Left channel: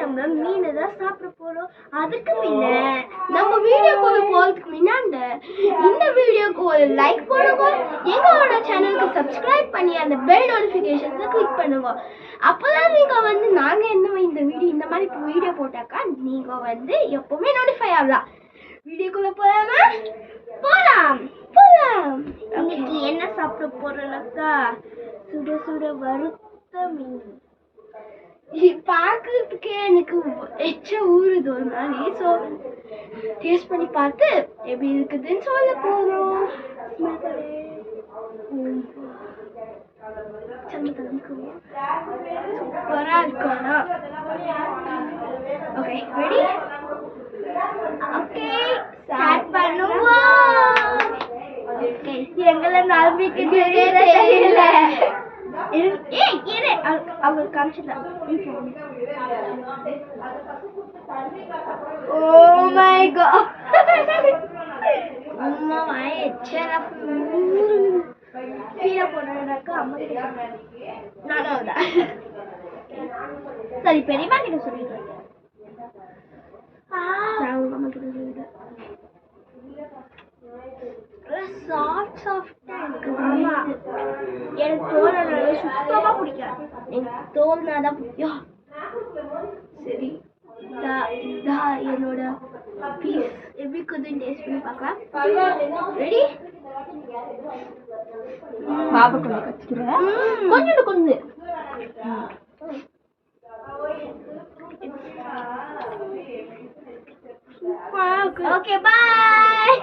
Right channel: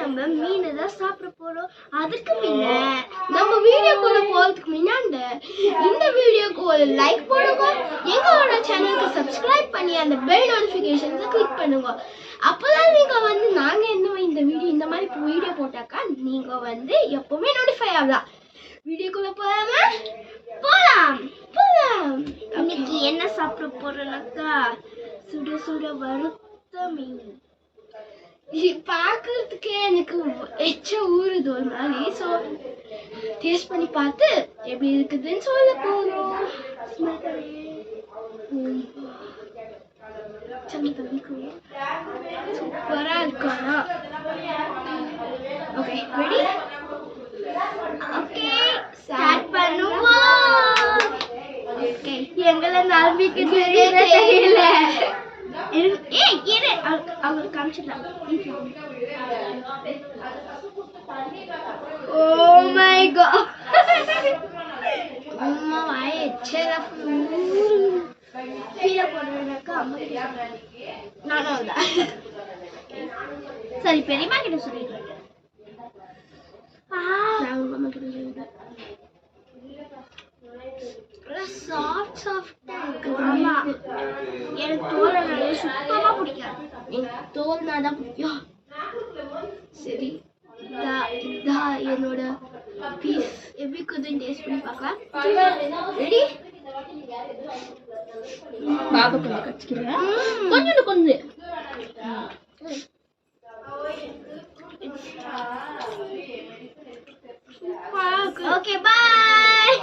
நம்ம மீன் தான் சாப்பிட போறோம். அதுக்கு முன்ன நம்ம வீடியோக்குள்ள போறதுக்கு முன்னாடி இந்த வீடியோக்கு ஒரு லைக் போடுங்க, எங்களோட சேனலுக்கு சப்ஸ்கிரைப் பண்ணி அந்த பெல் நோட்டிஃபிகேஷன்ஸை கிளிக் பண்ணுங்க. அப்பதான் நீங்க வந்து நாங்க இந்த மாதிரி வீடியோ போட்டாக்கா நீங்க வந்து எப்பவுமே நோட்டிஃபை ஆகலாம். வீடியோக்குள்ள போலாம். இன்னைக்கு என்ன சாப்பிட போறோம்னாக்கா சுட சுட வறுத்த மீன். பார்க்கறதுக்கே எனக்கு எச்ச ஊறுது ஒரு மாதிரி. ஸோ டேஸ்ட் பண்ணி பார்த்து எப்படி இருக்குதுன்னு சொல்ல போகிறோம். சூப்பராக இருக்கும். Okay ready? ஓகே ஸ்டார்ட் பண்ணுவோம். ஓகே எங்களை நம்பிக்கிட்டு தெரியல. அவங்க காமிச்சிடலாம். Oh my god. அம்மா வாய எச்சல கீழே போனதுனாக்கா அம்மா நானும் சரி பெரியம்மா கிட்ட சொல்லிடுறேன். நான் உங்க அம்மா கிட்ட சொல்லிடுறேன். சாஃப்டா இருக்கு. ஆமா எனக்கு தோல்னால சுத்தமா பிடிக்காது. எனக்கு தோல்னாதான் பிடிக்கும். சரி இதான் என்னோட பீஸ். எப்படி இருக்குதுன்னு டேஸ்ட் பண்ணி பார்க்கலாம். ரெடி? பாபா கொஞ்சம் கடிச்சிக்கிறேன். கொஞ்சம் ஓகே பாய்.